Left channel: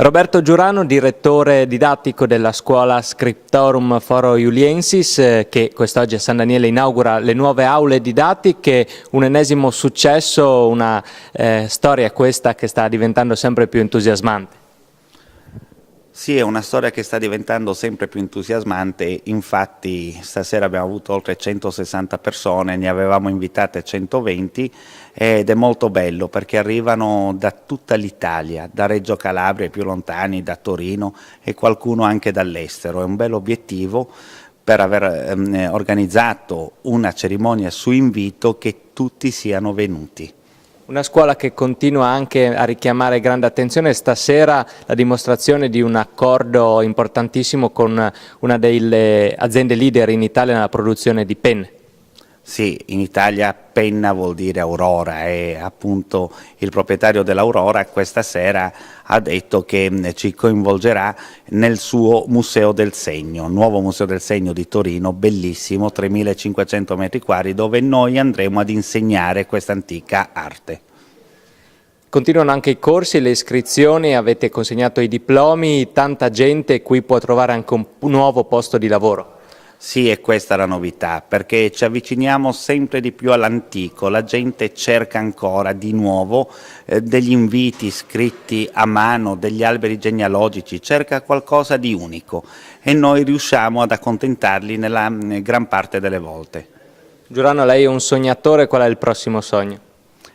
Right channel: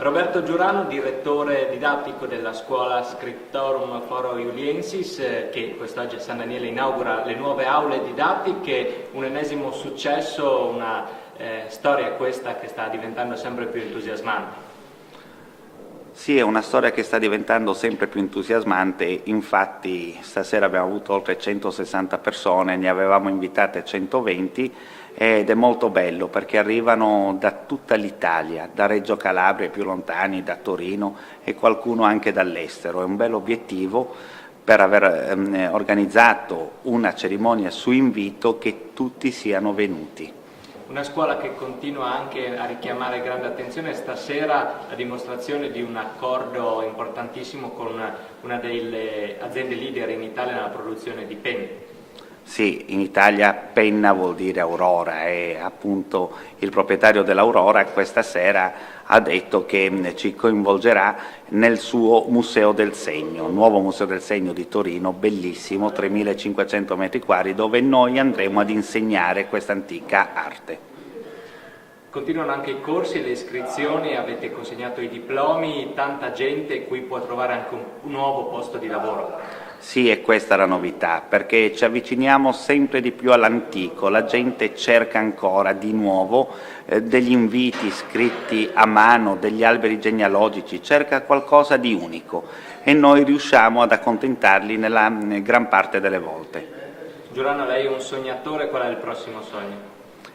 Roberto Giurano, direttore didattico della scuola Scriptorum Foro Iuliensis, che quest'oggi a San Daniele inaugura le nuove aule didattiche, un ennesimo successo, una storia questa che sta diventando sempre più entusiasmante. Sì, è una storia che sta diventando sempre più entusiasmante, infatti stasera abbiamo avuto oltre 160 persone, ne avevamo invitate 120 ed è molto bello perché arrivano da tutta l'Italia, da Reggio Calabria ai più lontani, da Torino e qualcuno anche dall'estero. È un bel obiettivo per aver organizzato una cerimonia su invito che tutti siano venuti. Una scuola che continua anche a richiamare grande attenzione, stasera la dimostrazione di un accordo importantissimo con una delle aziende leader in Italia nella produzione di penne. Sì, in Italia penna vuol dire Aurora e appunto il proprietario dell'Aurora questa sera ha detto che ci coinvolgerà nel suo Museo del Segno, il nuovo Museo del Segno di Torino, bellissimo, 3.500 metri quadri, dove noi andremo ad insegnare questa antica arte. Continuano anche i corsi e le iscrizioni, avete consegnato i diplomi, tanta gente qui può trovare anche un nuovo posto di lavoro. Sì, è questa la novità, perché ci avviciniamo sempre di più all'antico, la gente cerca ancora di nuovo degli inviti scritti a mano, degli alberi genealogici, cerca qualcosa di unico e noi riusciamo ad accontentarli nella gran parte delle volte. Giurano, lei è un sognatore, qual è il prossimo sogno?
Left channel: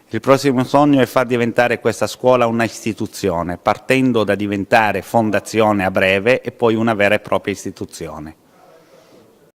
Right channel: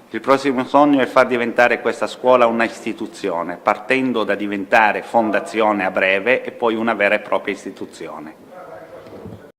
Il prossimo sogno è far diventare questa scuola una istituzione, partendo da diventare fondazione a breve e poi una vera e propria istituzione.